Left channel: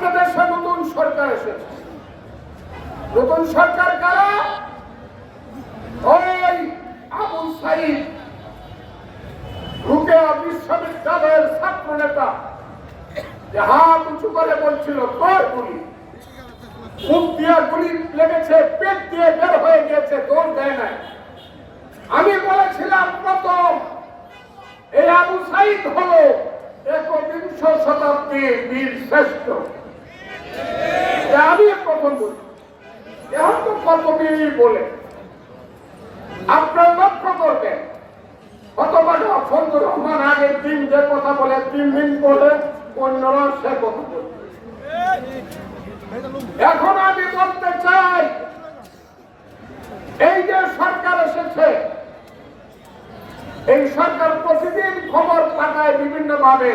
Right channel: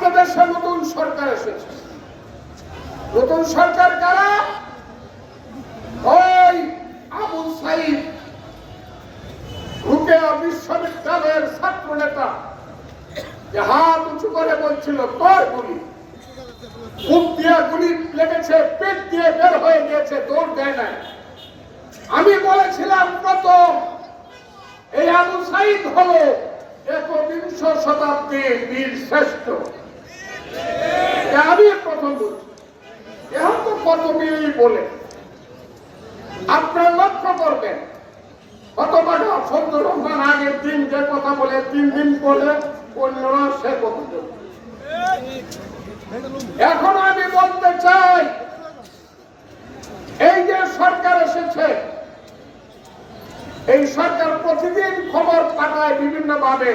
আজকে দেশে নতুন সরকার এসেছে। নতুন সরকার কারা? ওই আবু সাইদ রুকেয়া বিশ্ববিদ্যালয়ের ছাত্র নেতা যে হাত উঁচু করে বলছিল তোর গুলি, মুখ দিয়ে গুলি লেগেছে, পেট দিয়ে বের হয়ে গিয়েছে, দৌড় দেয় নাই। আমি বলেছিলাম প্রথম এই আবু সাইদ হলো ১বিংশ শতাব্দীর বীর শ্রেষ্ঠ। আমি প্রথম বলছি, এখন তো কত বীর বলে আপনার লক্ষ্য করবেন। হতবাক ফজলুর রহমান আগের দিন যে কথা বলে ৩ দিন বলে অন্যরা সে কথা বলে। এখন আমি বলতে চাই এই যে সরকার এসেছে, এই সরকার প্রতিদিন খবর পাঠায় বিভিন্ন ভাবে।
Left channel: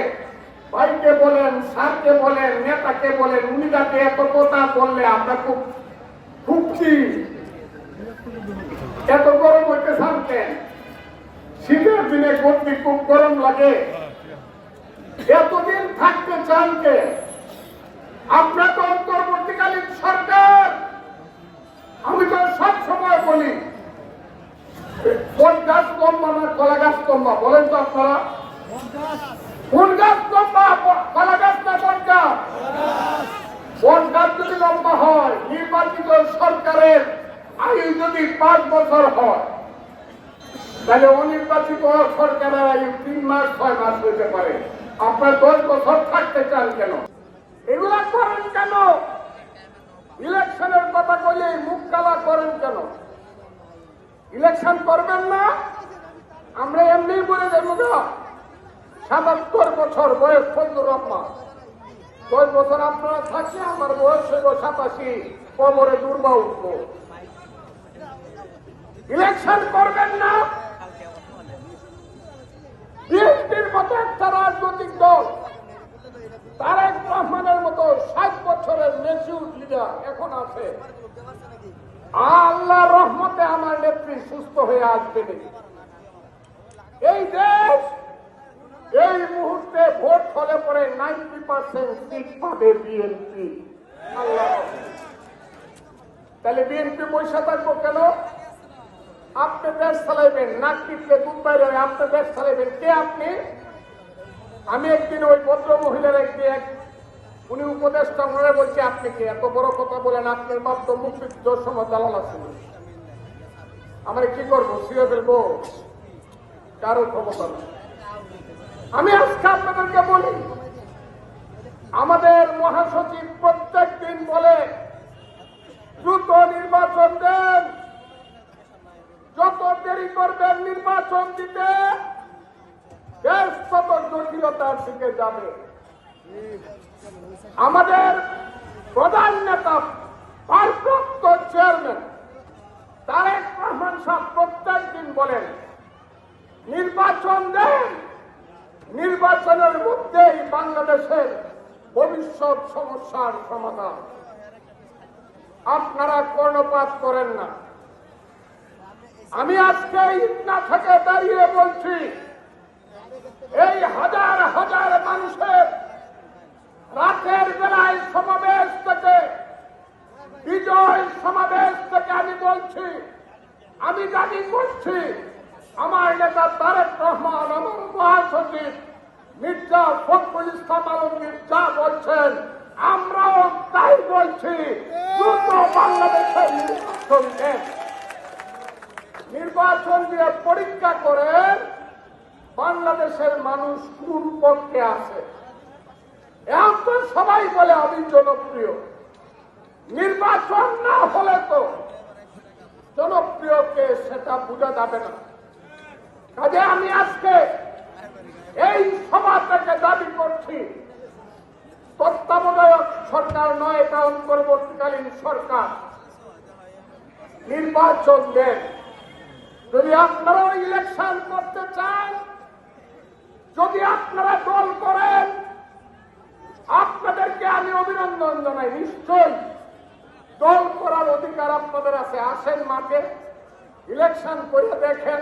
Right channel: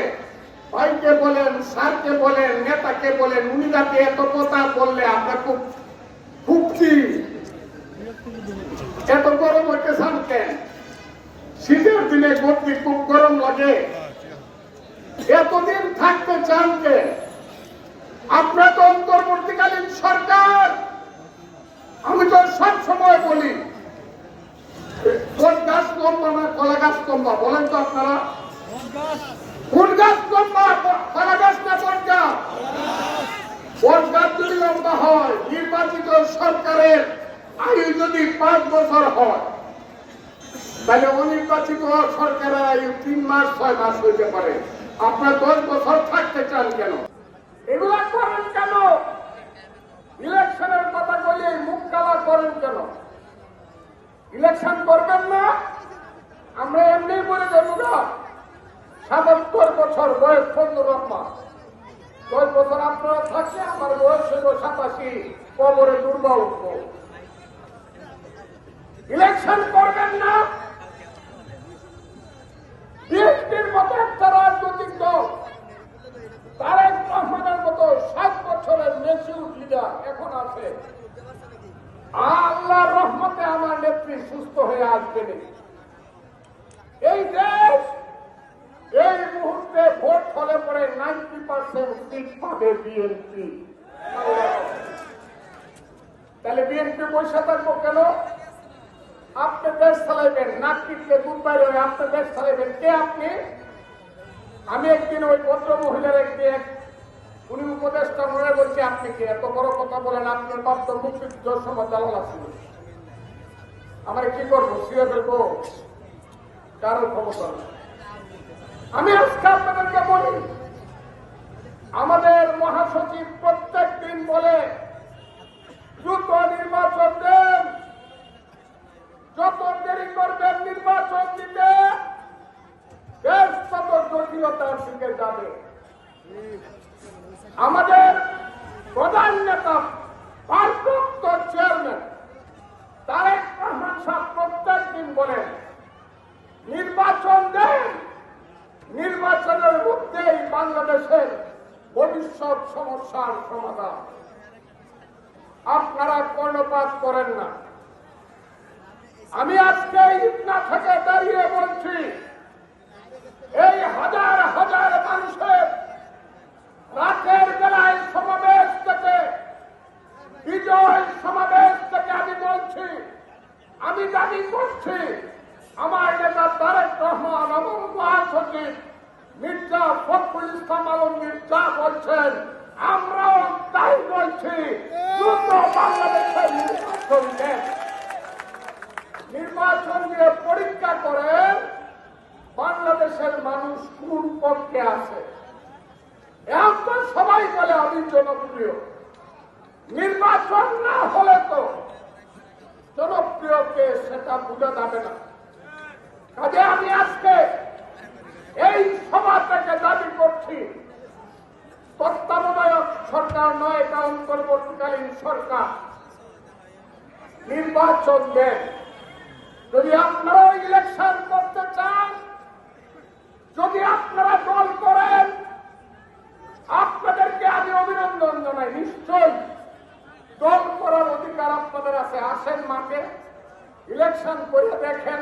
ভাইকে বলেন, স্যারকে বলেন, নেতাকে বলেন, উনি যাকে এত কথা বললে আমরা খুব কি এত গরম হইতে চান কেন? শীতের দিনে গতি খুব গরম লাগে, এতদিন থাকতে চান কে? আপনার তো অন্তর্বর্তীকালীন সরকার। আমি তো সব সময় বলি কোন গাছ লম্বা না কলা গাছ লম্বা, বলেন তো আপনারা? কোন গাছ লম্বা, কলা গাছ না বট গাছ? বট গাছ যদি লম্বা হয়, নির্বাচিত সরকারের আয়ু যদি ৫ বছর হয়, তাহলে অনির্বাচিত সরকারের আয়ু ৩ মাস ৬ মাস হইতে পারে। আপনার ১০ বছর থাকতে চান কেন? এগুলা করেন কেন? ইলেকশনের কথা বলে মুখ কালা করেন কেন? ইলেকশন করবেন না? আমরা এমনি বলে দেব না। ৭৭ বছর বয়স ফজলুর রহমান, ১০ বছর আপনারা থাকলে আমার বয়স হইব ৮৭, কবরে দুর্বা উঠবো। ইলেকশন করবেন না? বিএনপির মতো একটা রাজনৈতিক দল, তারেক রহমানের মতো ৬০ বছরের মেচিউর লিডার এখন আছে। আল্লাহর রহমতে আমার নেত্রী সুস্থ হয়ে আসবে। এই দেশ এই মুহূর্তে ভোট হলে পরে 90% সিট পাবে বিএনপি। তাহলে বিএনপি বসে থাকবো কেন? আপনি দেশ চালাইবেন, নাক টিপলে দুধ বাইরে, আপনি দেশ চালাইবেন। কে আপনি? আমি একদিন ওই ভদ্র মহিলার একদিন উনি উপদেষ্টা মনে বলছি, আপনি কি এত বড় কথা বলেন? আপনার বাপ তো মুক্তিযুদ্ধের সময় জালাল ছিল। আমরা কি করবো? ছিঁড়ে ফেলবো? কারো ক্ষমতা নেই। আমি আজকে আপনাদেরকে বলি, আমাদের মহাসচিব প্রত্যেক দিন বলে দ্রুত নির্বাচন দেন, যত দেরি করবেন নির্বাচন দিতে দেশ তত জটিলতার দিকে যাবে। আমাদের প্রধান নেতা ভারপ্রাপ্ত চেয়ারম্যান তারেক রহমান সাহেব প্রত্যেক দিন বলেন নির্বাচন দেন, নির্বাচনের মধ্যেই বাংলাদেশের ভবিষ্যৎ সমস্যার সমাধান। আপনারা কর্ণপাত করেন না। আমি আজকে ইটনা থেকে দাঁড়িয়ে বলছি, এই হাজার হাজার মানুষের রাতের বেলায় সমাবেশ থেকে, বিজয় সমাবেশ থেকে আমি বলছি, আমি দাবি করছি, আমার নেতা তারেক রহমান, আমার মহাসচিব মির্জা ফখরুল ইসলাম আলমগীর যা বলছেন আমরাও তাই বলছি, দ্রুত বাংলাদেশের নির্বাচন দেন। নির্বাচন দিয়ে পরীক্ষা করেন বাংলাদেশের মানুষ কোন পক্ষে আছে। এখন তো সবাই বলে আমি জনপ্রিয়, নির্বাচন না হলে তো জনপ্রিয়কে সেটা বোঝা যাবে না। কাজে আমি আজকে এই সভা থেকে দাবি করছি, তত্ত্বাবধায়ক সরকার নয়, এটা অন্তর্বর্তীকালীন সরকার, নির্বাচন দেন। যদি আপনারা ইলেকশন করতে চান, যদি আপনারা দল করেন, আপনাদেরকে আমি অভিনন্দন জানাই। নিশ্চয়ই দল করার অধিকার আপনাদের আছে। আসেন মাঠে, ইলেকশন করে দেখেন,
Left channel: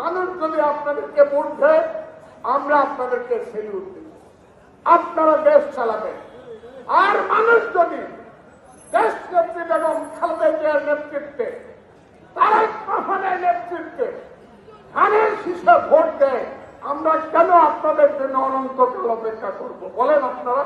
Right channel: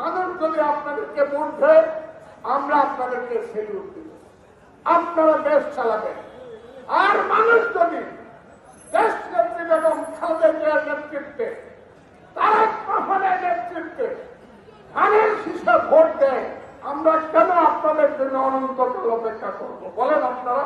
মানুষ যদি আপনাদেরকে ভোট দেয়, আমরা আপনাদেরকে সেলুট দিই, আপনারা দেশ চালাবেন। আর মানুষ যদি দেশ নেত্রী বেগম খালেদা জিয়ার নেতৃত্বে তারেক রহমানের নেতৃত্বে ধানের শীষে ভোট দেয়, আমরা কেন আপনাদের জন্য অনন্তকাল অপেক্ষা করব বলেন আপনারা?